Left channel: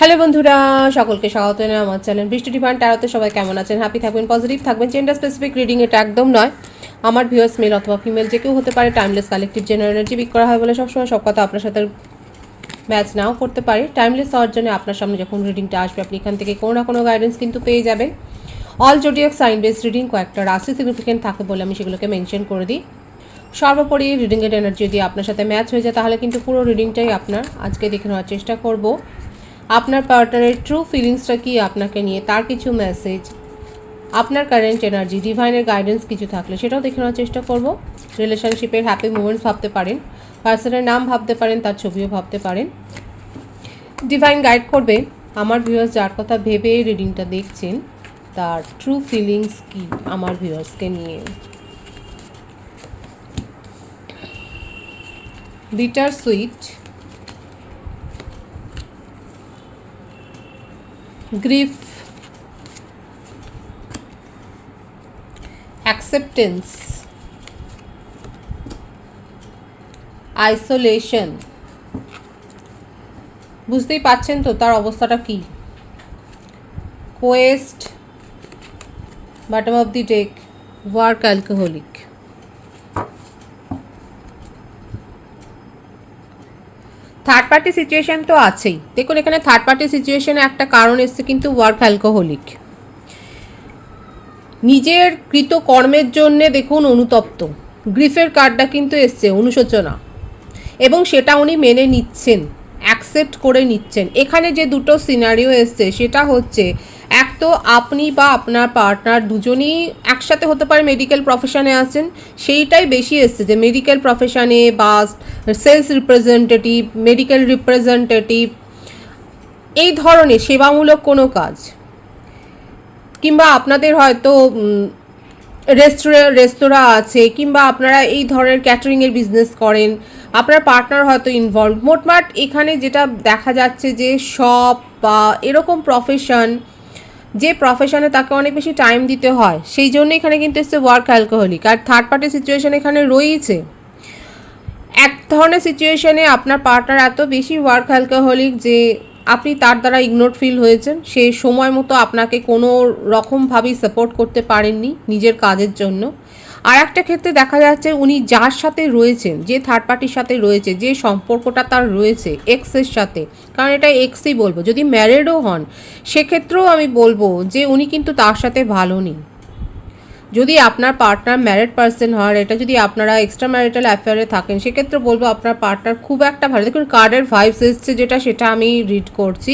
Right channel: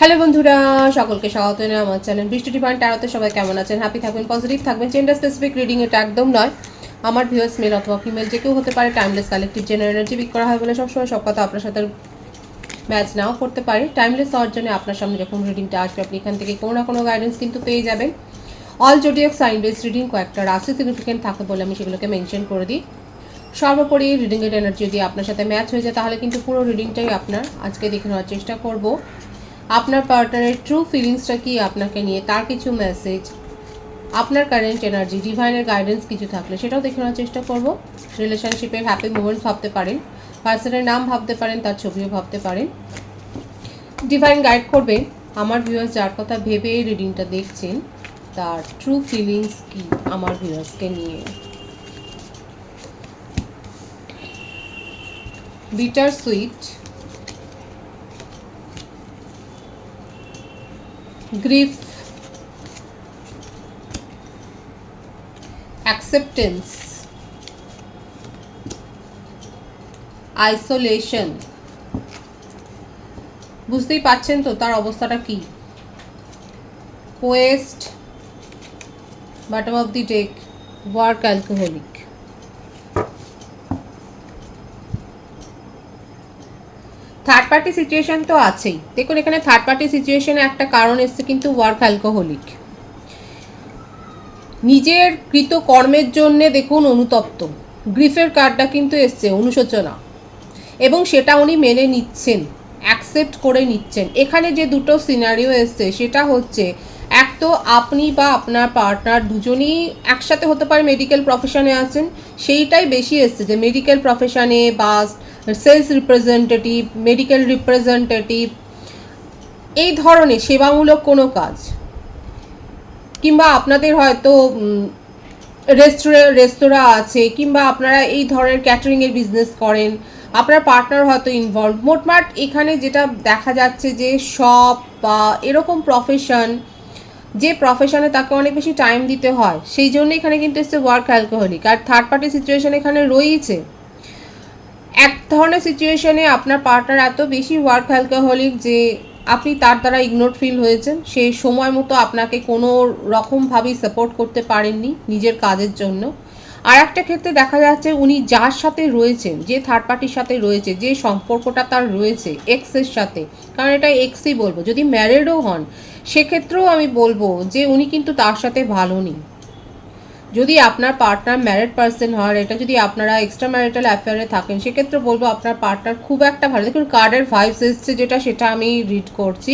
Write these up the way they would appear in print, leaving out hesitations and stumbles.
Hello বন্ধুরা, সকলকে স্বাগত জানাই আমার চ্যানেল বৃষ্টি ডিভাইন ট্যারোতে। সবাই কেমন আছেন? হ্যাপি থাকবেন, পজিটিভ থাকবেন। জেন্ডার স্পেসিফিক রিডিং এটা একদম নয়। আমার ভিউয়ার্স মেল অথবা ফিমেল যে কেউ হতে পারে। Timeless collective general energy pick করা হয় বলে সবসময় সব কথা আপনার সাথে ম্যাচ নাও করতে পারি। টাইমলেস হওয়ার জন্য আপনার সামনে যখন রিডিংটা আসবে আপনি এখান থেকে কোনো না কোনো গাইডেন্স কিন্তু পেয়ে যাবেন। All zodiac sign base reading, কয়েকটা রাশি সিগনিফিকেন্ট থাকে বলে আমি সেগুলোকে মেনশন করে দিই। সর্বোপরি রিডিংয়ের এনার্জি যদি আপনার সাথে ম্যাচ হয়ে যায় তাহলে কিন্তু পুরো রিডিংটাই আপনার। আজকে দেখে নেওয়ার চেষ্টা করব আপনার পার্টনারের ট্রু ফিলিংসটা কি আপনাকে নিয়ে, তার কিছু মেসেজ, আপনার কারেন্ট এনার্জি, ডিভাইনের গাইডেন্স কিছু থাকলে সেটাও দেখে নেওয়ার চেষ্টা করব। রিলেশনশিপের হ্যাপি মোমেন্টস ভাবতে পারেন, পার্সনের নাম ভাবতে পারেন, তার ছবিও ভাবতে পারেন। ডিভাইন গাইড করবে আমার ভিউয়ার্স যার কথা ভেবে এই রিডিংটা দেখছেন তার ট্রু ফিলিংস কি আমার ভিউয়ার্সকে নিয়ে। Bitter sweet, grief, acceptance, isolation. বুঝতেই পাচ্ছেন তো তার অবস্থাটা কি। Quest, bottom of the deck, work alcoholic. Third party situation তো আছেই। দেখুন এখানে থার্ড পার্টি সিচুয়েশনে একটা কারণ এসছে কিন্তু ওয়ার্ক অ্যালকোহলিক। নিজের কৃত কর্মের জন্যে দেখুন অনুতপ্ত। গ্রিফের কার্ডটা কিন্তু এসছে অনুশোচনা, এবং সেটা উনি মেনে নিচ্ছেন, অ্যাকসেপ্ট করে নিচ্ছেন। এখানে যে দুটো সিনারিও এসছে সেটা হচ্ছে, এক তো আপনি বা আপনার পার্টনার দুজনেই একসাথে হতে পারে মেডিকেল প্রফেশনে আছেন, সেইটাই বেশি এসছে যে মেডিকেল প্রফেশনে বা সেলস রিপ্রেজেন্টেটিভ, মেডিকেল রিপ্রেজেন্টেটিভ, এই ধরনের সেবামূলক কোনো কাজ, কিংবা আপনাদের হয়তো রেস্তোরাঁ আছে, কিংবা আপনারা এই ধরনের ক্যাটারিংয়ের বিজনেস করেন, আপনার পার্টনার হয়তো ইনভলভ। মোটমাট এখানে যেটা দেখা যাচ্ছে যে শপ বা এরকম প্রফেশন, যে প্রফেশনে তাকে অনেক বেশি টাইম দিতে হয়, সেই জন্য এখানে কিন্তু এসছে ওয়ার্ক অ্যালকোহলিক। আর থার্ড পার্টি সিচুয়েশন এখানে রয়েছে। এক ধরনের সিচুয়েশনে আপনার পার্টনার এত বেশি ওয়ার্ক অ্যালকোহলিক যে আপনি তার দ্বারা ইগনোর ফিল হয়েছেন, সে সময় মতো আপনাকে কোনো রকমভাবেই সাপোর্ট করতে পারেননি নিজের কাজের জন্য। আর একটা ক্ষেত্রে দেখা যাচ্ছে উনি যার সাথে রয়েছেন, যে থার্ড পার্টির সাথে রয়েছে, যে সম্পর্কটা তার রয়েছে এক্সের সাথে, কারণ এটা এক্সই বলবো, যদি ম্যারিডও হন সেক্ষেত্রেও আমি বলবো যে উনি কিন্তু তার সাথে ভালো নেই। যদি আপনার পার্টনার ম্যারিড পার্সন হয়, এটা যদি আপনারা এক্সট্রা ম্যারিটাল অ্যাফেয়ারে থাকেন সেক্ষেত্রে বলবো আপনার পার্টনার খুব একটা ভালো। দেখুন কার্ডের ভাইবস এসছে যেটা, সেটা আমি রিড করছি।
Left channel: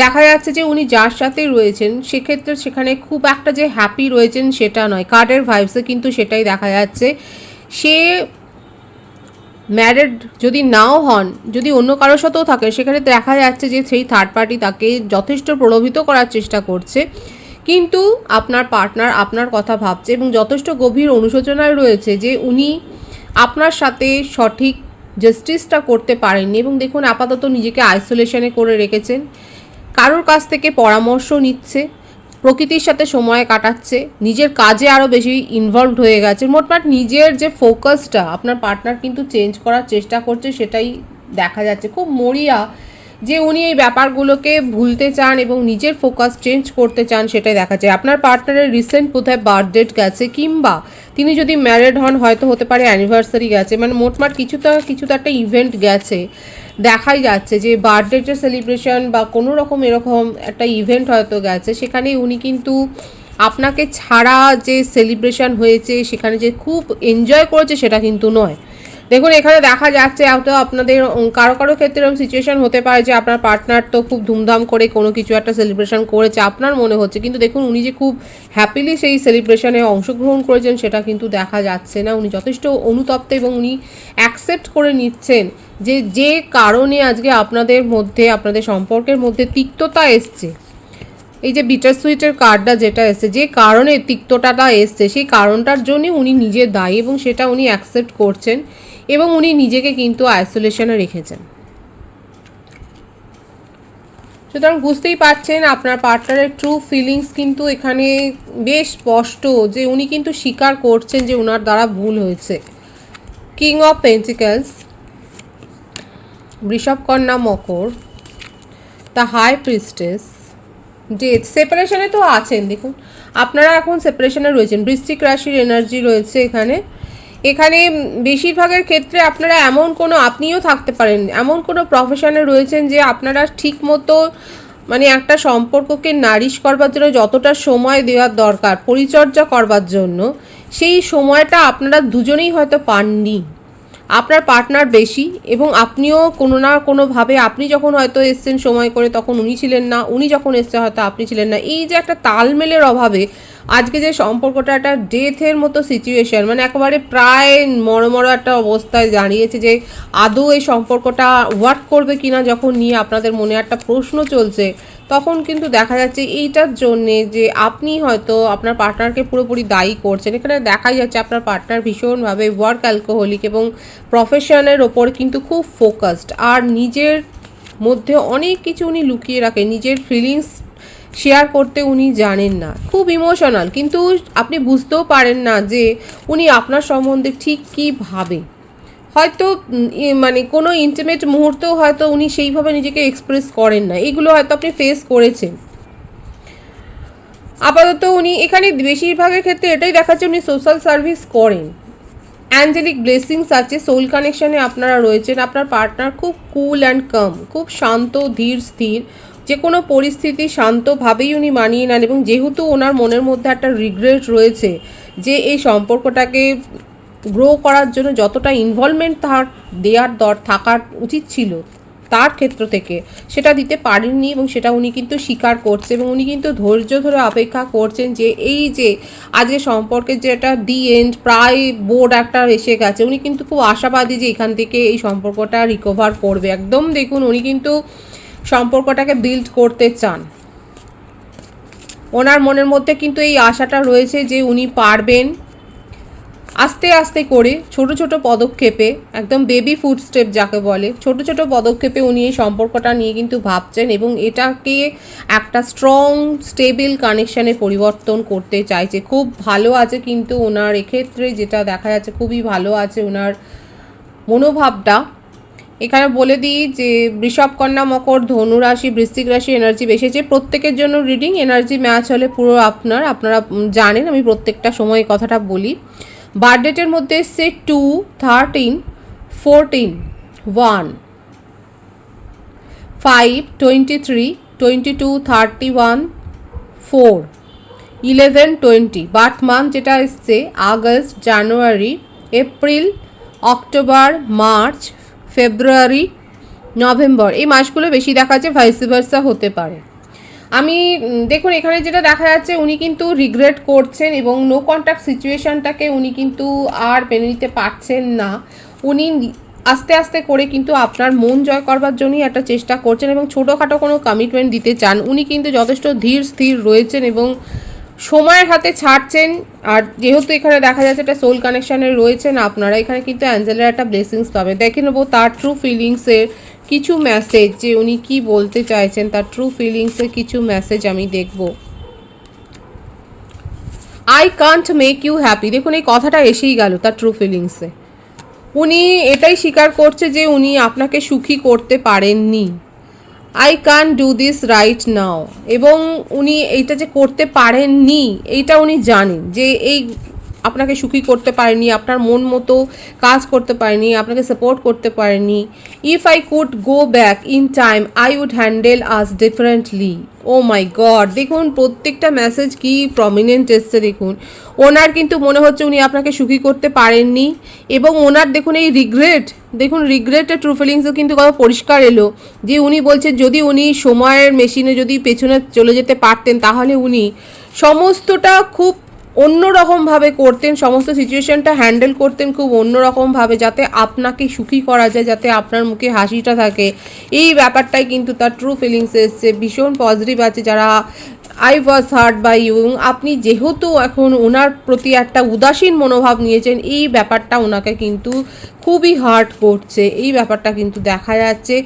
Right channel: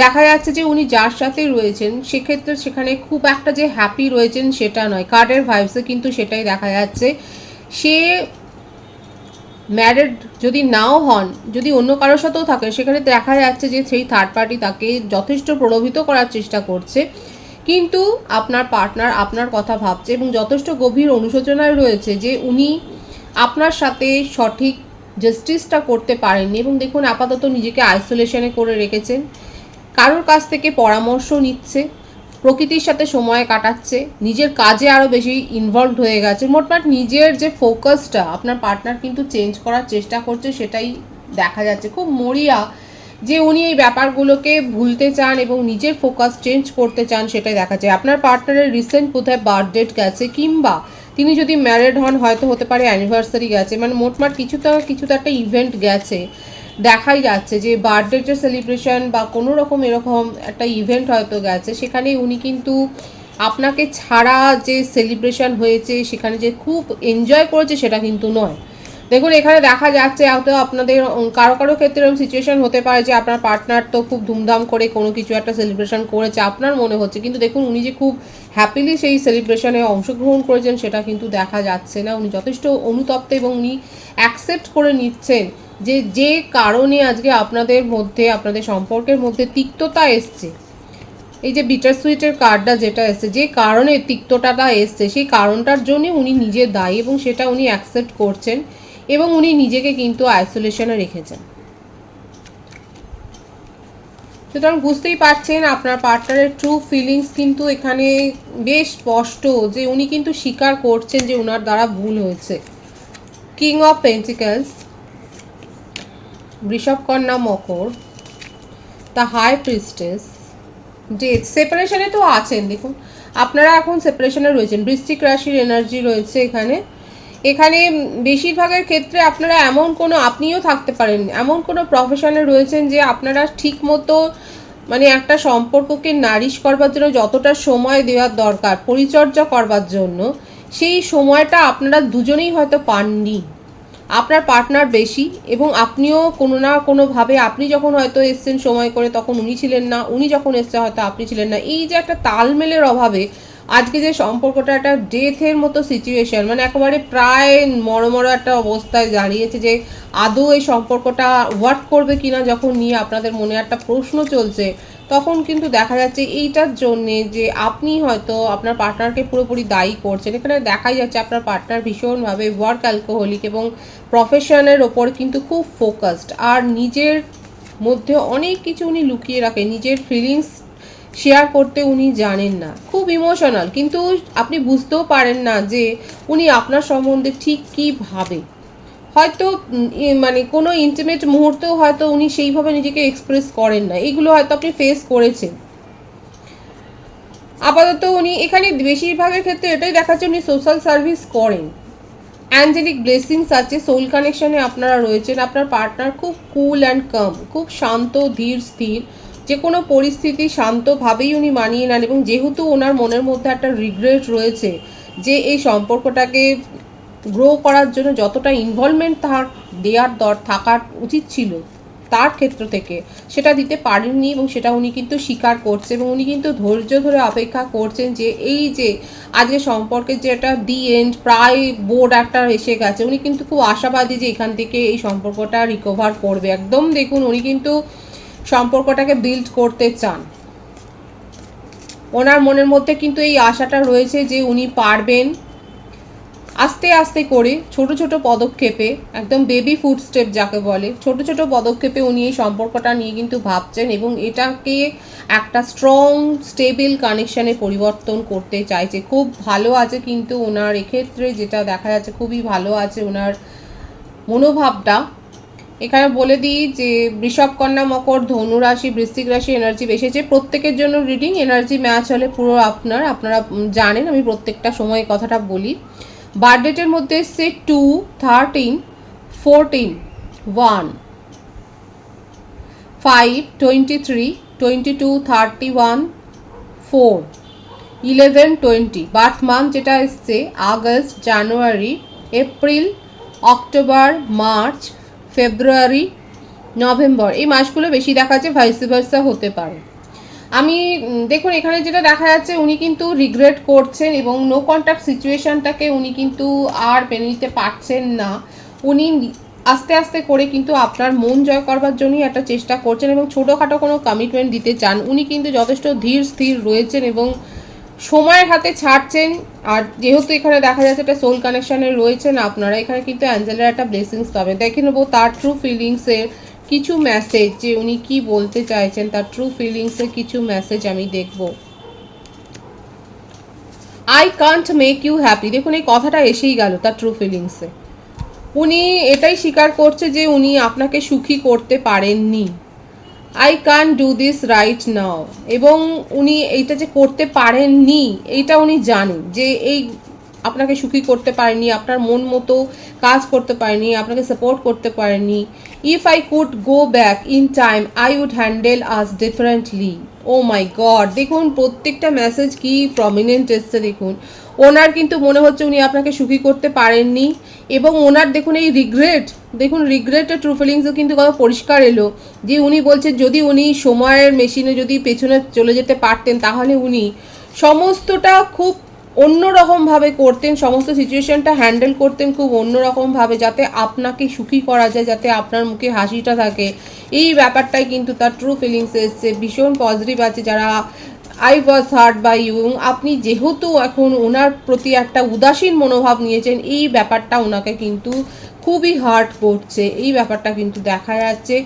দেখা যাচ্ছে যে উনি যার সাথে রয়েছেন সেক্ষেত্রে সেখানে খুব একটা যে হ্যাপি রয়েছেন সেটা নয়। কার্ডের ভাইবসে কিন্তু সেটাই দেখা যাচ্ছে। সে ম্যারিড যদি নাও হন, যদি অন্য কারোর সাথেও থাকে, সেখানে দেখা যাচ্ছে যে সেই থার্ড পার্টি তাকে যথেষ্ট প্রলোভিত করার চেষ্টা করছে, কিন্তু আপনার পার্টনার আপনার কথা ভাবছে এবং যথেষ্ট গভীর অনুশোচনায় রয়েছে যে উনি আপনার সাথে সঠিক জাস্টিসটা করতে পারেননি। এবং দেখুন আপাতত নিজেকে আইসোলেশনে করে রেখেছেন, কারোর কাছ থেকে পরামর্শ নিচ্ছে, প্রকৃতির সাথে সময় কাটাচ্ছে, নিজের কাজে আরও বেশি ইনভলভড হয়ে গেছে। মোটমাট নিজের যে ফোকাসটা আপনার পার্টনার কিন্তু চেঞ্জ করার চেষ্টা করছে, সেটাই দেখা যাচ্ছে। খুব মরিয়া যে উনি এই ব্যাপারগুলোকে ভুলতে চান এবং নিজের ফোকাস চেঞ্জ করতে চান, সেটাই দেখা যায়। আপনার পার্টনারের রিসেন্ট কোথায় বার্থডেট গেছে, কিংবা তিনি যদি ম্যারিড হন হয়তো হতে পারে অ্যানিভার্সারি গেছে, মানে মোটমাট কিছু তো একটা ইভেন্ট গেছে। দেখাই যাচ্ছে যে বার্থডেটের সেলিব্রেশন বা কোনো রকম এরকম একটা ইভেন্ট হয়তো গেছে, সেখানে উনি কিন্তু আপনাকে ছাড়া যে সেলিব্রেশন হয়েছে সেখানে যে খুব এনজয় করেছে সেটা কিন্তু নয়। দেখুন এখানে দেখা যাচ্ছে হয়তো আপনাদের কারো কারো ক্ষেত্রে এরকম সিচুয়েশন হতে পারে যে আপনার পার্টনার তো খুব ধুমধাম করে কোনো কিছু একটা সেলিব্রেশন করেছে আপনার মনে হচ্ছে, কিন্তু দেখুন উনি যে খুব হ্যাপিলি সেই সেলিব্রেশনে অংশগ্রহণ করেছেন সেটা কিন্তু দেখা যাচ্ছে না। উনি যথেষ্ট অনুতপ্ত এবং উনি অ্যাকসেপ্ট করে নিচ্ছেন যে যে কারণে আজকে আপনাদের মধ্যে, আপনাদের সম্পর্কের মধ্যে তিক্ততা এসছে, এই যে বিটার সুইটের কার্ডটা যেটা এসছে, যে কারণে তিক্ততাটা এসছে সেই কারণটার জন্যই উনি নিজে দায়ী এবং সেটা উনি অ্যাকসেপ্ট করছেন এবং উনি নিজেকে কিন্তু আইসোলেশনে রেখেছেন। সুতরাং বুঝতেই পারছেন আপনার পার্টনারের ট্রু ফিলিংস কিন্তু এখানে বেশ স্পষ্ট, যে উনি কিন্তু স্বীকার করছেন যে ওনার দ্বারা ভুল হয়েছে। কিং অফ পেন্টিকলস, বৃষভ কন্যা মকর, দ্য হাই প্রিস্টেস, ডেথ, সেপারেশনে তো আছেন। দেখুন আপনারা এখন সেপারেশনে রয়েছেন, বৃশ্চিক রাশির এনার্জি রয়েছে এখানে। এখানে বেশিরভাগের ক্ষেত্রে আপনারা এমন কোনো, আপনিও থাকতে পারেন এমন কোনো প্রফেশনে রয়েছেন যে আপনারা ঠিক মতো মানে একটা সম্পর্ককে নারিশ করবার জন্য যতটা সময় দেওয়ার দরকার পরিচর্যা করবার জন্য, সেই সময়টা আপনারা দুজনেই হয়তো পাননি। আপনার পার্টনার বেশি এবং আপনিও কোনো না কোনোভাবে, আপনি যখন হয়তো এসছেন সময় করে তখন উনি ছিলেন না, উনি যখন এসছে হয়তো আপনি ছিলেন না। এই যে একটা তালমেলের অভাবে আজকে যে সম্পর্কটা একটা ডেথের মতো সিচুয়েশন, মানে একেবারে প্রায় মরমর একটা অবস্থায় দাঁড়িয়েছে যে আদৌ এই সম্পর্কটা ওয়ার্ক করবে কিনা, যখন নিয়ে আপনাদের মনে একটা প্রশ্ন চলছে, তখন কিন্তু দেখা যাচ্ছে এইটার জন্যে যে আপনি হয়তো আপনার পার্টনারকে পুরোপুরি দায়ী করছেন। এখানে দেখাই যাচ্ছে আপনার পার্টনার ভীষণভাবে ওয়ার্ক অ্যালকোহলিক এবং প্রফেশনের ওপর কিন্তু খুব ফোকাসড, আর নিজের মধ্যে অনেক কিছু উনি লুকিয়ে রাখেন, নিজের ফিলিংস শেয়ার করতে উনি জানেন না, খুব ইমোশনাল, কিন্তু আপনি বুঝতেও পারেন না যে উনি আপনার সম্বন্ধে ঠিক কী ভাবে। হয়তো মানে কোনো ইন্টিমেট মুহূর্তেও হয়তো উনি সেইভাবে নিজেকে এক্সপ্রেস করেন না, এগুলো হয়তো আপনি ফেস করেছেন। আপাতত উনি এখানে বেশিরভাগের ক্ষেত্রে এটাই দেখাচ্ছে উনি সোশ্যাল সার্ভিস করেন, অ্যাঞ্জেলিক ব্লেসিংস আছে, সোল কানেকশনে আপনারা রয়েছেন। আপনার পার্টনার খুব কুল অ্যান্ড কাম, খুব শান্ত ধীর স্থির, যে কোনো পরিস্থিতি শান্তভাবেই উনি মানিয়ে নেন। এবং যেহেতু ওনার মনের মধ্যে একটা রিগ্রেট রয়েছে যে এই সম্পর্কটাকে গ্রো করার জন্য যতটা ইনভলভমেন্ট তার থাকার উচিত ছিল তার ক্ষেত্র থেকে, সেটা দিতে পারেননি এবং সেটা উনি কিন্তু স্বীকার করছে এবং উনি কিন্তু ধৈর্য ধরে অপেক্ষা করছেন যে এই যে আজকে সম্পর্কের যে একটা দি এন্ড, প্রায় বোর্ড একটা এসে গেছে, উনি কিন্তু খুব আশাবাদী যে এখান থেকে এই সম্পর্কটা রিকভার করবে একদম। দেখুন উনি কিন্তু সম্পর্কটাকে বিল্ড করতে চান, ওনার মনের মধ্যে কিন্তু এই আশাটা রয়েছে যে উনি পারবেন। আস্তে আস্তে করে ছোট ছোট পদক্ষেপে, একদম বেবি ফুড স্টেপ যাকে বলে, ছোট ছোট পদক্ষেপে উনি এই সম্পর্কটা নিয়ে কিন্তু ভাবছেন এবং এটাকে একটা স্ট্রং স্টেবল কানেকশানে পরিবর্তন করতে চাইছে। খুব ভালো আছে কিন্তু ওনার এক্ষেত্রে যেটা দেখা যাচ্ছে, খুবই ভালো আছে ওনার মনোভাবটা। এখানে বলে দিই যে বৃষভ, কন্যা, মকর, ধনু রাশি, বৃশ্চিক রাশি এনার্জি বেসেছে প্রত্যেকের জন্য রিডিং। এনার্জি ম্যাচ হলে পুরো আপনারা জানেন, আমি প্রত্যেকটা সময় কথাটা বলি। বার্থডেটের মধ্যে এসছে 2, 13, 14, 1, 5, 23, 22, 31, 4, 11, 20। বার্থ মান্থ যেটা এসছে আগস্ট, জানুয়ারি, এপ্রিল, অক্টোবর, মার্চ, ফেব্রুয়ারি, নভেম্বর। এই মাসগুলো বেশি দেখা যাচ্ছে, ভাইস ভার্সা হতে পারে। আমি দেখুন এখানে যেটা দেখা যাচ্ছে উনি কিন্তু রিগ্রেট করছেন এবং নো কন্ট্যাক্ট সিচুয়েশনটাকে উনি কিন্তু আর মেনে নিতে পারছেন না। উনি আস্তে আস্তে করে কিন্তু আপনার মন জয় করবার জন্যই একটা চেষ্টা করছেন এবং ছোটোখাটো কোনো কমিটমেন্ট দিতে চান। উনি কিন্তু যথেষ্ট ধীর স্থির রয়েছেন এবং সময়ের হাতে ছাড়ছেন। আর যেহেতু এখানে দেখা যাচ্ছে একটা সোল কানেকশানে রয়েছেন আপনারা, এখানে কিন্তু অ্যাঞ্জেলের একটা ব্লেসিংস পাবে। দেখে নেবো তার ট্রু ফিলিংসের কিছু মেসেজ, যে উনি কি বলতে চাইছেন, তার ট্রু ফিলিংসের কিছু মেসেজ আমি দেখব। I can't make you happy, দেখুন এই কথাটা এসেই গেল তার ট্রু ফিলিংসে। উনি এটাই স্বীকার করছে যে উনি আপনাকে সুখী করতে পারেননি। I can do this right now, এবং উনি এইটা যে করতে পারেননি এইটা উনি জানেন যে এই আপনাকে সুখী করতে পারেনি, আপনার মন মতো কাজ করতে পারেনি, আপনাকে সাপোর্ট করতে পারেনি। If I could go back in time I would handle us differently. Oh my God, দেখুন প্রত্যেকটা মেসেজ কি প্রমিনেন্ট এসছে। দেখুন ওনার কিন্তু মনে হচ্ছে উনি আপনাকে সুখী করতে পারেননি এবং ওনার দেখুন এই রিগ্রেট, দেখুন রিগ্রেটের ট্রু ফিলিংসও কিন্তু কত পরিষ্কার এলো যে উনি বলছেন যদি উনি সময়ের মেশিনে যদি পেছনে চলে যেতে পারতেন তাহলে উনি সমস্তটা খুব অন্যরকমভাবে করতেন, সমস্ত সিচুয়েশনটা হ্যান্ডেল করতেন খুব অন্যরকমভাবে, যাতে আপনাকে সুখী করা যায়, যাতে আপনার মুখে হাসিটা থাকে। এই ব্যাপারটাই কিন্তু তার ট্রু ফিলিংস এসছে, ভীষণ পজিটিভ আছে। যারা I was hurt by you, আপনি যেহেতু এখন ওনার প্রতি একটা উদাসীন মনোভাব নিয়েছেন, এই ব্যাপারটা ওনাকে কিন্তু খুবই হার্ট করছে, এই ব্যাপারটা কিন্তু দেখা যাচ্ছে।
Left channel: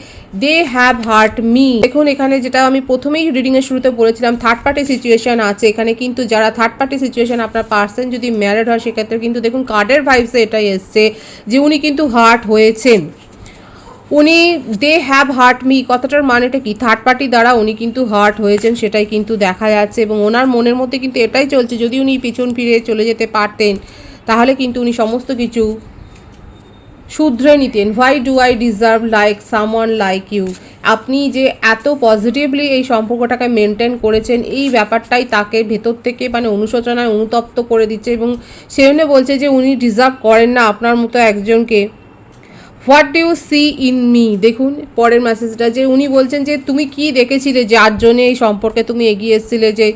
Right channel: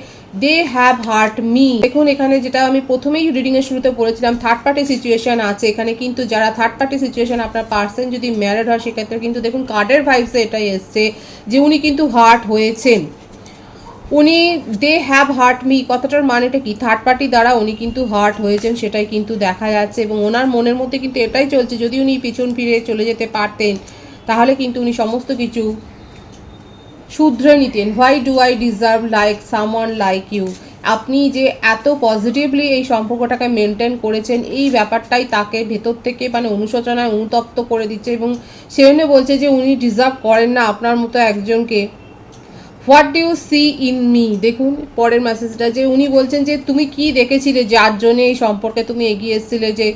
দে হ্যাভ হার্ট মি, দেখুন এখানে যেটা আমি প্রথমেই রিডিংয়ের শুরুতে বলেছিলাম থার্ড পার্টি সিচুয়েশন আছে এখানে, কিন্তু যারা থার্ড পার্টি সিচুয়েশন, আপনার পার্সন যদি ম্যারিড হয় সেক্ষেত্রে কিন্তু দেখুন কার্ডের ভাইবসে এটাই এসছে যে উনি কিন্তু হার্ট হয়েছেন। উনি দে হ্যাভ হার্ট মি, কথাটার মানেটা কি? থার্ড পার্টি দ্বারা উনি কিন্তু হার্ট হয়েছেন, সেটাই কিন্তু দেখা যাচ্ছে। এবং ওনার মনের মধ্যে কিন্তু এটাই চলছে, যদি উনি পিছন ফিরে চলে যেতে পারতেন তাহলে কিন্তু উনি সমস্ত কিছু শুধরে নিতেন। Why do I deserve like someone like you. আপনি যে এত পজিটিভলি এই সম্পর্কটাকে মেনটেন করেছেন, এই ব্যাপারটাই তাকে ভেতর থেকে মানে অনুশোচনায় অনুতপ্ত করে দিচ্ছে, এবং সে জন্য বলছে যে উনি ডিজার্ভ করেন না আপনার মতো একজনকে। What do you see in me, দেখুন পরের মেসেজটা, যে উনি বলছেন যে তুমি কি দেখেছিলে যার জন্যে এই সম্পর্কে তুমি এগিয়ে এসেছিলে। যে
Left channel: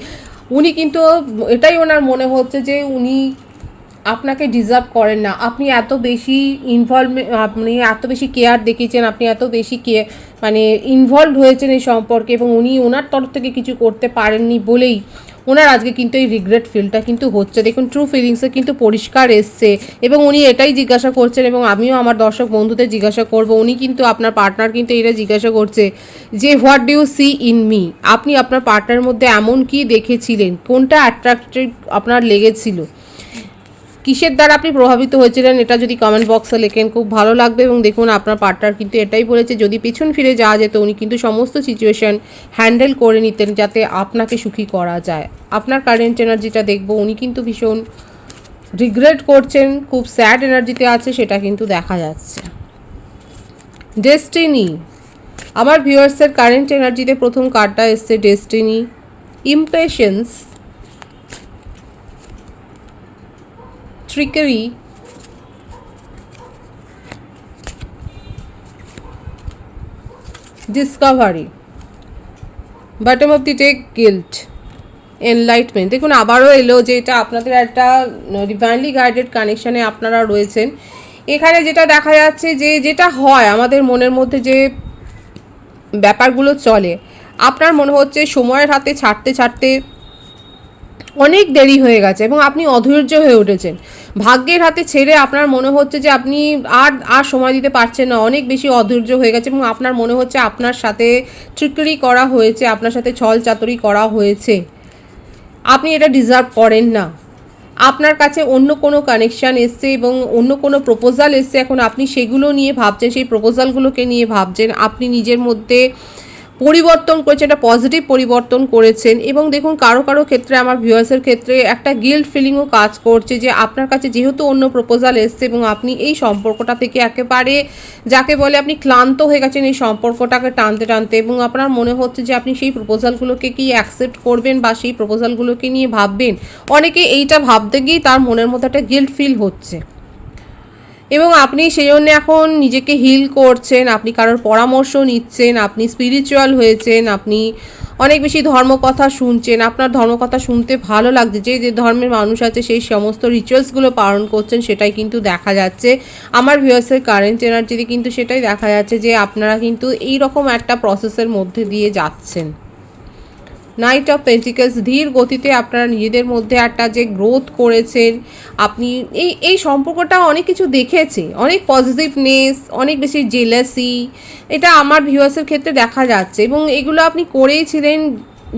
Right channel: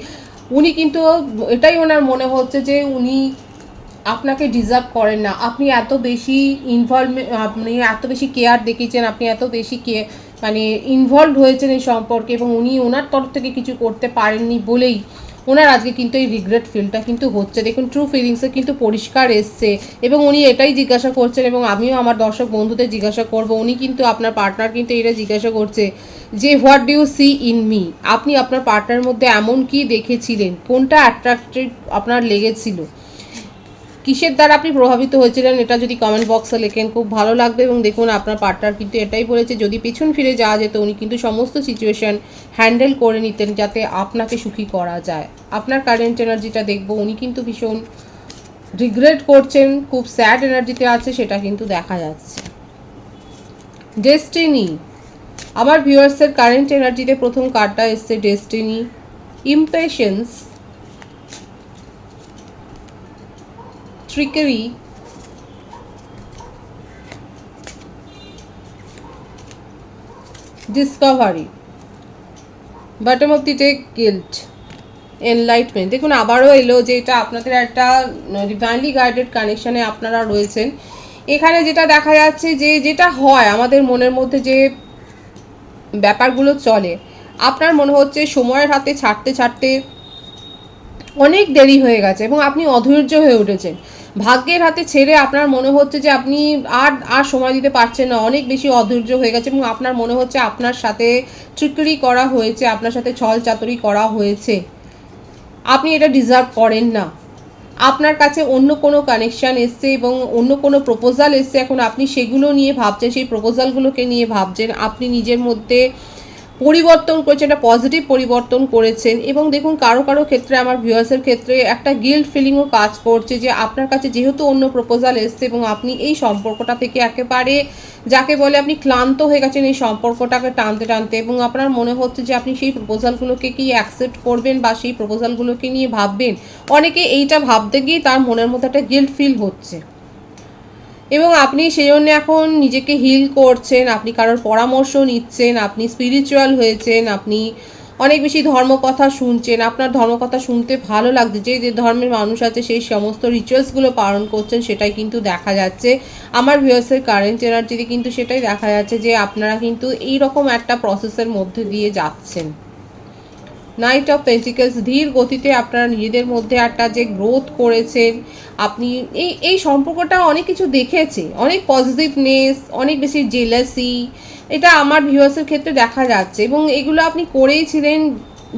উনি কিন্তু এটাই ওনার মনে হচ্ছে যে উনি আপনাকে ডিজার্ভ করেন না। আপনি এত বেশি আপনি এত বেশি কেয়ার দেখিয়েছেন, আপনি এত বেশি মানে ইনভলভ হয়েছেন এই সম্পর্কে, এবং উনি ওনার তরফ থেকে কিছু করতে পারেননি বলেই ওনার আজকে কিন্তু এই রিগ্রেট ফিলটা কিন্তু হচ্ছে। দেখুন ট্রু ফিলিংসে কিন্তু পরিষ্কার এসছে, এবং উনি এটাই জিজ্ঞাসা করছেন, এবং আমিও আমার দর্শক বন্ধুদের জিজ্ঞাসা করব, উনি কিন্তু আপনার পার্টনার কিন্তু এটা জিজ্ঞাসা করছে যে what do you see in me, আপনি আপনার পার্টনারের মধ্যে এমন কি দেখেছিলেন, কোনটা অ্যাট্রাক্টিভ আপনার লেগেছিল, কিসের দ্বারা আপনি প্রভাবিত হয়েছিলেন, এটা যদি কমেন্ট বক্সে লেখেন খুব ভালো লাগবে। এবং দেখুন আপনার পার্টনার কিন্তু এটাই বলেছে, যদি পিছন ফিরে যাওয়া যেত উনি কিন্তু সমস্ত সিচুয়েশন হ্যান্ডেল করে নিতেন যাতে আপনাকে সুখী করা যায়। আপনার কারেন্ট এনার্জিটা দেখবো, উনি কিন্তু ভীষণ রিগ্রেট করছেন, খুব স্যাড এনার্জিতে আছে, সেটা কিন্তু দেখা যাচ্ছে। ডেস্টিনি, আমার ভিউয়ার্সের কারেন্ট এনার্জিতে প্রথম কার্ডটা এসছে destiny, impatience, trickery, discovery, bottom of the deck, guilt, enlightenment। দেখুন আবারও এলো যে এটা আপনাদের একটা ডিভাইনলি গাইডেড কানেকশানে আপনারা রয়েছেন। এখানে যেটা দেখা যাচ্ছে যে যেটা হয় আমাদের মনের মধ্যে যে ব্যাপারগুলো চলে, আপনার মনে হচ্ছে সময়ের হাতে ছাড়তে ছাড়তে অনেক দেরি হয়ে গেছে এবং আপনি অধৈর্য হয়ে উঠেছেন। ভাগ্যের হাতে ছেড়ে আপনার মনে হচ্ছে যে আপনি আর সময় দিতে পারছেন না, অনেক বেশি অধৈর্য হয়ে গেছে, এবং আপনার মনে হচ্ছে আপনার সাথে ট্রিকারি করা হয়েছে, আপনার সাথে ছল চাতুরি করা হয়েছে, আপনি এটা ডিজার্ভ করেন না। আপনার কাছে অন্য কোনো কানেকশান এসছে এবং অন্য কোনো প্রপোজাল এসছে, এখন আপনি সেগুলো নিয়ে ভাবছেন, সেই প্রপোজালগুলোকে নিয়ে ভাবছেন, আপনি নিজের মধ্যে পরিবর্তন করেছেন, একটা পজিটিভ পরিবর্তন করেছেন। এবং দেখুন কারো কারো ক্ষেত্রে, আমার ভিউয়ার্সের ক্ষেত্রে একটা গিল্ট ফিলিংও কাজ করছে যে আপনার কাছে যেহেতু অন্য প্রপোজাল এসছে এবং আপনি এই সম্পর্কটা থেকে একেবারে যাকে বলে আপনি ক্লান্ত হয়ে গেছেন এই সম্পর্কটাকে টানতে টানতে, এবং আপনার মনে হচ্ছে যে আপনি সেই প্রপোজালগুলোকে কি অ্যাকসেপ্ট করবেন বা সেই প্রপোজালগুলোকে নিয়ে ভাববেন। অনেকে এইটা ভাবতে গিয়েই তার মনের মধ্যে একটা গিল্ট ফিল হচ্ছে, এবং আপনি সেই জন্য এখন নিজেকে হিল করছেন, আপনি কারোর পরামর্শ নিচ্ছেন, আপনি স্পিরিচুয়াল হয়েছেন, আপনি অনেক বেশি ধর্মকথা শুনছেন, আপনার ধর্মকথা শুনতে ভালো লাগছে, যে ধর্মের মানুষ আছে সেই সমস্ত রিচুয়ালসগুলো পালন করছেন, সেটাই কিন্তু দেখা যাচ্ছে। আমার ভিউয়ার্সের কারেন্ট এনার্জিতে কিন্তু সেটাই দেখা যাচ্ছে যে আপনারা কিন্তু এইরকম একটা প্রসেসের মধ্যে দিয়ে যাচ্ছেন। নাইট অফ পেন্টিকলস, ধীর গতিতে আপনারা নিজেদের মধ্যে একটা যে গ্রোথ করেছেন, আপনি এই সম্পর্কটা অনেক কিছু দেখেছে, অনেক পজিটিভনেস, অনেক বেশি জেলাসি, এটা আমার ভিউয়ার্সের ক্ষেত্রে দেখা যাচ্ছে। এবং এগুলো আপনি করেইছিলেন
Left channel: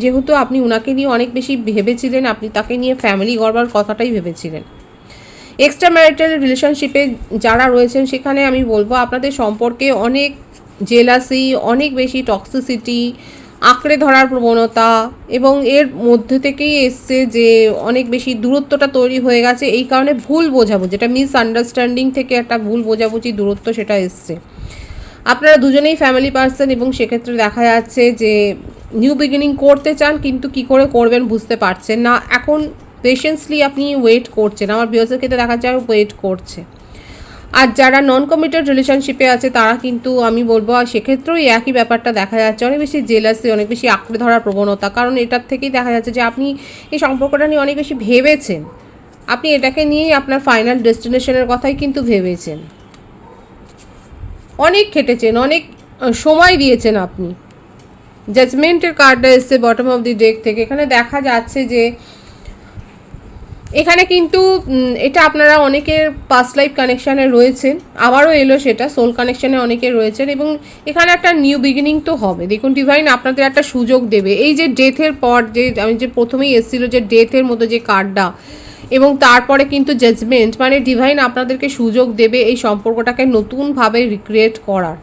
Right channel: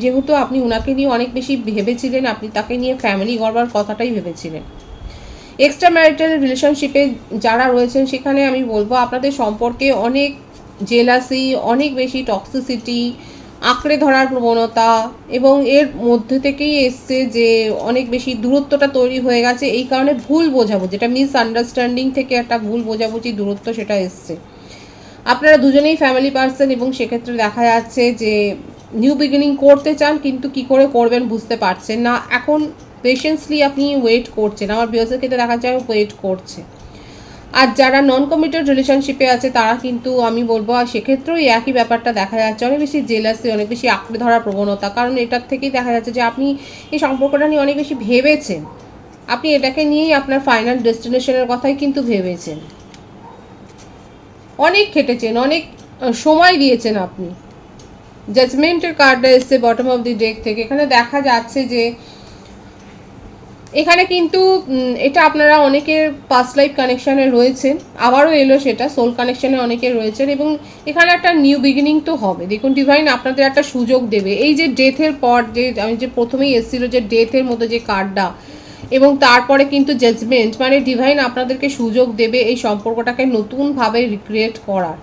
যেহেতু আপনি ওনাকে নিয়ে অনেক বেশি ভেবেছিলেন, আপনি তাকে নিয়ে ফ্যামিলি গড়বার কথাটাই ভেবেছিলেন। এক্সট্রা ম্যারিটাল রিলেশনশিপে যারা রয়েছেন সেখানে আমি বলবো আপনাদের সম্পর্কে অনেক জেলাসি, অনেক বেশি টক্সিসিটি, আঁকড়ে ধরার প্রবণতা, এবং এর মধ্যে থেকেই এসছে যে অনেক বেশি দূরত্বটা তৈরি হয়ে গেছে, এই কারণে ভুল বোঝাবুঝি, যেটা মিসআন্ডারস্ট্যান্ডিং থেকে একটা ভুল বোঝাবুঝি দূরত্ব সেটা এসছে। আপনারা দুজনেই ফ্যামিলি পার্সন, এবং সেক্ষেত্রে দেখা যাচ্ছে যে নিউ বিগিনিং করতে চান কিন্তু কি করে করবেন বুঝতে পারছেন না। এখন পেশেন্সলি আপনি ওয়েট করছেন, আমার ভিউয়ার্সের ক্ষেত্রে দেখা যাচ্ছে ওয়েট করছে। আর যারা নন কমিটেড রিলেশনশিপে আছে তারা কিন্তু আমি বলবো সেক্ষেত্রেও একই ব্যাপারটা দেখা যাচ্ছে, অনেক বেশি জেলাসি, অনেক বেশি আঁকড়ে ধরার প্রবণতা, কারণ এটার থেকেই দেখা যাচ্ছে যে আপনি এই সম্পর্কটা নিয়ে অনেক বেশি ভেবেছেন, আপনি এটাকে নিয়েই আপনার ফাইনাল ডেস্টিনেশনের কথাই কিন্তু ভেবেছেন, অনেক খেটেছেন, অনেক সময় দিয়েছেন আপনি। জাজমেন্টের কার্ডটা এসছে বটম অফ দি ডেক থেকে, এখানে দেখা যাচ্ছে যে এখানে কিন্তু এটা আপনারা অনেকের পাস্ট লাইফ কানেকশানে রয়েছেন, আবারও এলো সেটা সোল কানেকশানে অনেকে রয়েছেন, এবং এখানে একটা নিউ বিগিনিং তো হবে। দেখুন ডিভাইন আপনাদের একটা সুযোগ দেবে, এই যে ডেথের পর যে আমি যে প্রথমেই এসেছিলো যে ডেথের মতো যে কার্ডটা, এবং তারপরে কিন্তু জাজমেন্ট, মানে ডিভাইন আপনাদেরকে সুযোগ দেবে এই সম্পর্কটাকে নতুনভাবে রিক্রিয়েট করার,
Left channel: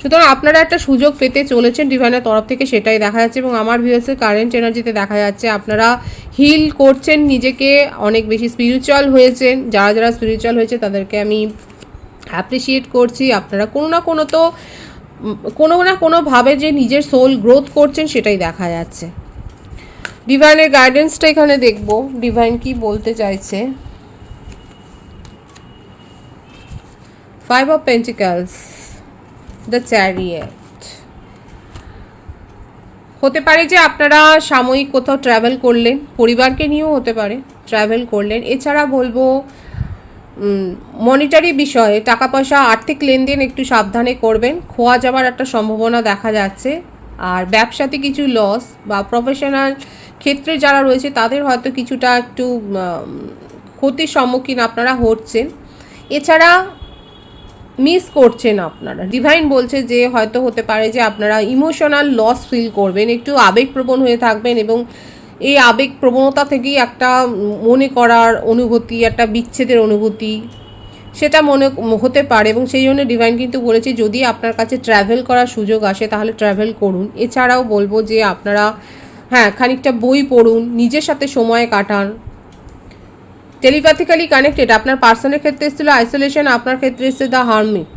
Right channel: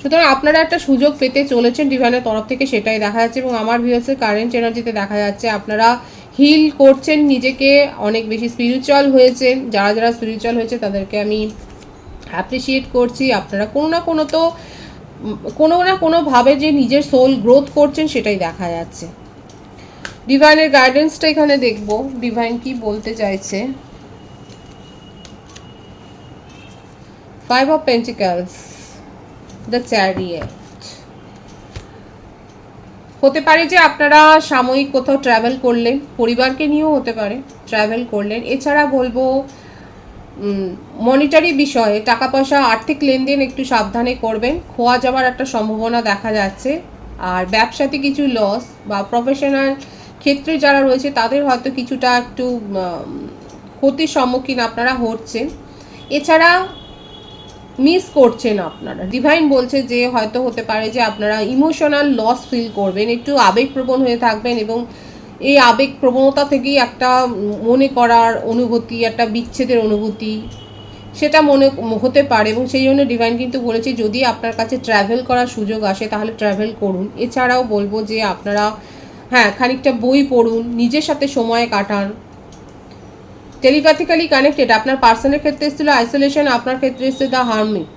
সুতরাং আপনারা একটা সুযোগ পেতে চলেছেন ডিভাইনের তরফ থেকে, সেটাই দেখা যাচ্ছে। এবং আমার ভিউয়ার্সের কারেন্ট এনার্জিতে দেখা যাচ্ছে আপনারা হিল করছেন নিজেকে, অনেক বেশি স্পিরিচুয়াল হয়েছেন। যারা যারা স্পিরিচুয়াল হয়েছে তাদেরকে আমি অ্যাপ্রিসিয়েট করছি। আপনারা কোনো না কোনোভাবে যে নিজের সোল গ্রোথ করছেন সেটাই দেখা যাচ্ছে। ডিভাইনের গাইডেন্সটা এখানে দেখব, ডিভাইন কি বলতে চাইছে। 5 of Pentacles, দ্য চ্যারিয়েট। হতে পারে যে আপনারা সাময়িক কোথাও ট্রাভেল করলেন, পরিবারকে নিয়েও হতে পারে ট্রাভেল করলেন। এছাড়া বলবো মনিটারি বিষয়ে, টাকা পয়সা আর্থিক লেনদেন একটু সাবধানে করবেন, খোয়া যাওয়ার একটা সম্ভাবনা দেখা যাচ্ছে। আর ব্যবসাতে কিছু লস বা প্রফেশনাল ক্ষেত্রে যারা রয়েছে তাদের হয়তো কিছুটা একটু ক্ষতির সম্মুখীন আপনারা হচ্ছেন। এছাড়া মিস করছেন আপনারা। ডিভাইন বলছে যে হয়তো হতে পারে যে আপনারা ইমোশনাল লস ফিল করবেন, একটু আবেগপ্রবণ হয়ে থাকবেন এবং এই আবেগ প্রবণতা থেকেই একটা মনে করার অনুভূতি, একটা বিচ্ছেদের অনুভূতি সেটা মনে হতে পারে। এবং সেই জন্য ডিভাইন কিন্তু বলেছে যদি আপনার কাছে ট্রাভেল করার সুযোগ আসে তাহলে ট্রাভেল করুন। এছাড়াও বলবো যে আপনারা খানিকটা বই পড়ুন, নিজের সাথে সময় কাটান। টেলিপ্যাথিক্যালি কানেক্টেড আপনার পার্সনের ক্ষেত্রে এসেছিল আইসোলেশন, আপনার ক্ষেত্রে এসেছে দ্য হারমিট।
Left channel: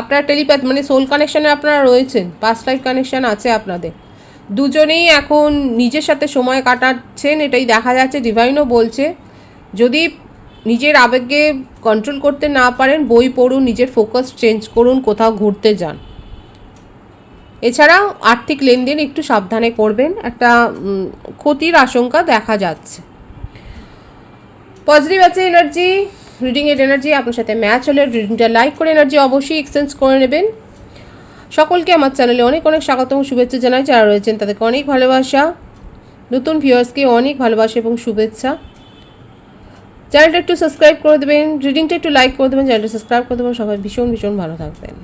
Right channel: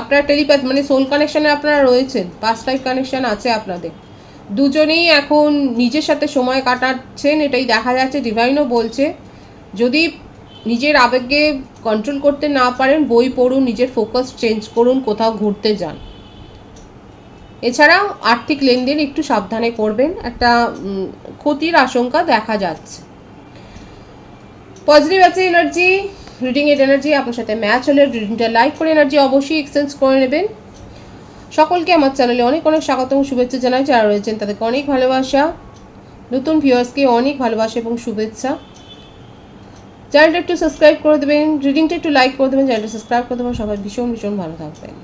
আপনার টেলিপ্যাথ মানে সোল কানেকশনে আপনারা রয়েছেন, পাস্ট লাইফ কানেকশন আছে আপনাদের দুজনেই, এখন নিজের সাথে সময় কাটাচ্ছেন এটাই দেখা যাচ্ছে। ডিভাইনও বলছে যদি নিজের আবেগকে কন্ট্রোল করতে না পারেন বই পড়ুন, নিজের ফোকাস চেঞ্জ করুন, কোথাও ঘুরতে যান। এছাড়াও আর্থিক লেনদেন একটু সাবধানে করবেন, একটা ক্ষতির আশঙ্কা দেখা যাচ্ছে। পজিটিভ আছে এনার্জি, রিডিং এর এনার্জি আপনার সাথে ম্যাচ হলে রিডিংটা লাইক করে এনার্জি অবশ্যই এক্সচেঞ্জ করে নেবেন। সকলকে আমার চ্যানেলে অনেক অনেক স্বাগতম শুভেচ্ছা জানাই, যারা রয়েছেন তাদেরকে অনেক ভালোবাসা, নতুন ভিউয়ার্সকে অনেক ভালোবাসা এবং শুভেচ্ছা। চ্যানেলটা একটু সাবস্ক্রাইব করে দেবেন, রিডিংটা একটু লাইক করে দেবেন, চ্যানেলটা সাবস্ক্রাইব করে দেবেন। সবাই ভীষণ ভীষণ ভালো থাকবেন।